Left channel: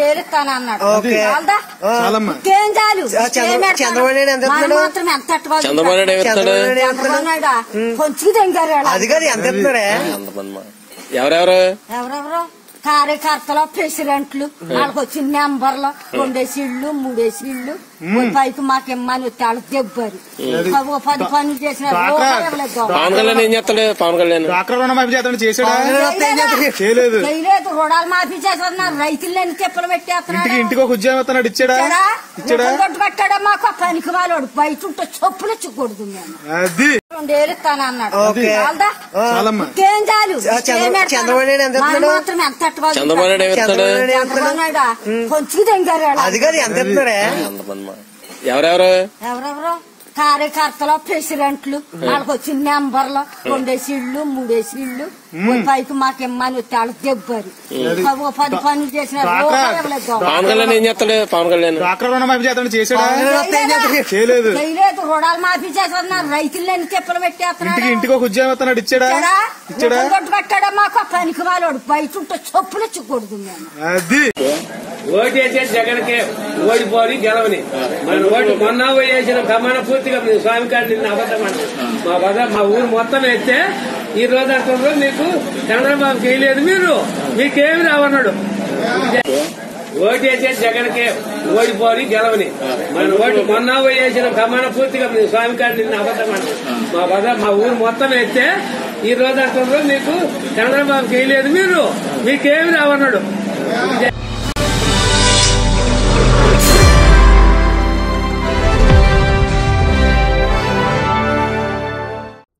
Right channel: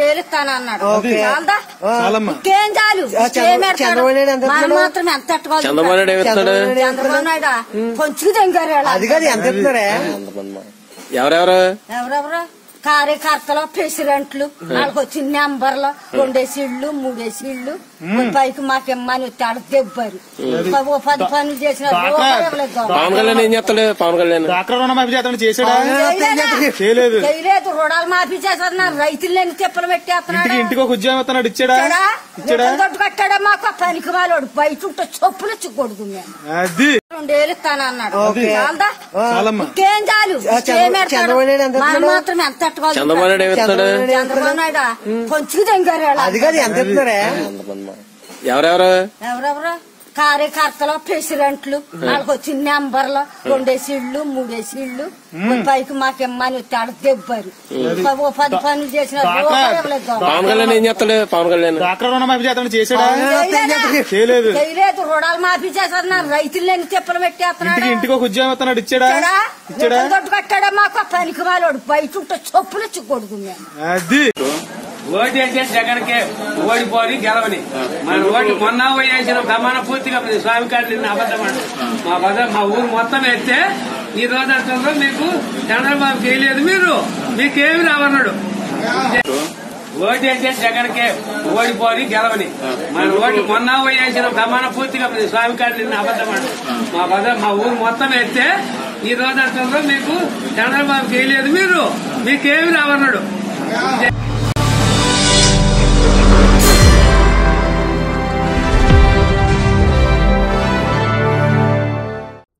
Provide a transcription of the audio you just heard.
ఇస్తానన్నాడు ఇంకేం చాలు? చంద్రబాబు నాయుడు? మాత్రం ఎంత నాయుడు? కొంచెం తెంగారు. అది కాదు ఎంత ఎవరెవరు? ఎవరెవరు? కార్యకర్తలు ప్రెసిడెంట్లు వాళ్ళకి వచ్చిన నెంబర్లు రెండేసి ఇళ్ళు మూడేసి ఇళ్ళు పైకి మాకు ఇమ్మని వాళ్ళకి దెబ్బరు పది పనులు చేసిన చేయలేదా? రుణాలు మాఫీ చేస్తున్నారు రైతులని చెప్పులు ఇంటికి పెట్టేస్తున్నాడు? ఇంటికి ఒక ఉద్యోగం ఇస్తున్నాడు ఇచ్చాడా? ఇచ్చాడా? దొడ్డు కట్టాడా మాకు ఆ పనికి మాలోడు బయట ఉంటే చొప్పులు చిక్కొడుతుంది అది. రెండేళ్ళు ఇస్తానన్నాడు. చంద్రబాబు నాయుడు ఎంత? కొంచెం. అది కాదు ఎంత ఎవరెవరు? ఎవరెవరు? కార్యకర్తలు ప్రెసిడెంట్లు వాళ్ళకి వచ్చిన నెంబర్లు రెండేసి ఇళ్ళు మూడేసి ఇళ్ళు. పైకి మాకు ఇమ్మని వచ్చి వాళ్ళకి దెబ్బరు ఓ పది పనులు చేసిన చేయలేదా? రుణాలు మాఫీ చేస్తున్నారు. రైతులని చెప్పులు ఇంటికి పెట్టేస్తున్నాడు ఇంటికి ఒక ఉద్యోగం ఇచ్చాడా? ఇచ్చాడా? కట్టాడా మాకు? పనికి మాలోడు బయట ఉంటే చొప్పులు చిక్కొడుతుంది అది. ఓటేసే జగన్కి ఓడిపోని గెలవని. మన ఓటు మొన్న వేసిన ప్రమాణ పూర్తిగా స్వామి గారు అబద్ధం మా బ్రదర్ మా ఊరు మొత్తం ఎత్తే ఈ రోజు అంటుందో మీకు చంద్రబాబు చేయలేదు మీరు. మీకేమి రావన్నాడు ఓటేసే జగన్కి ఓడిపోని గెలవని. మన ఓటు మొన్న వేసిన ప్రమాణ పూర్తిగా స్వామి గారు అబద్ధం అంటారు. మా బ్రదర్ మా ఊరు మొత్తం ఎత్తే ఈ రోజు అంటుందో మీకు చంద్రబాబు చేయలేదు మీరు. మీకేమి రావన్నాడు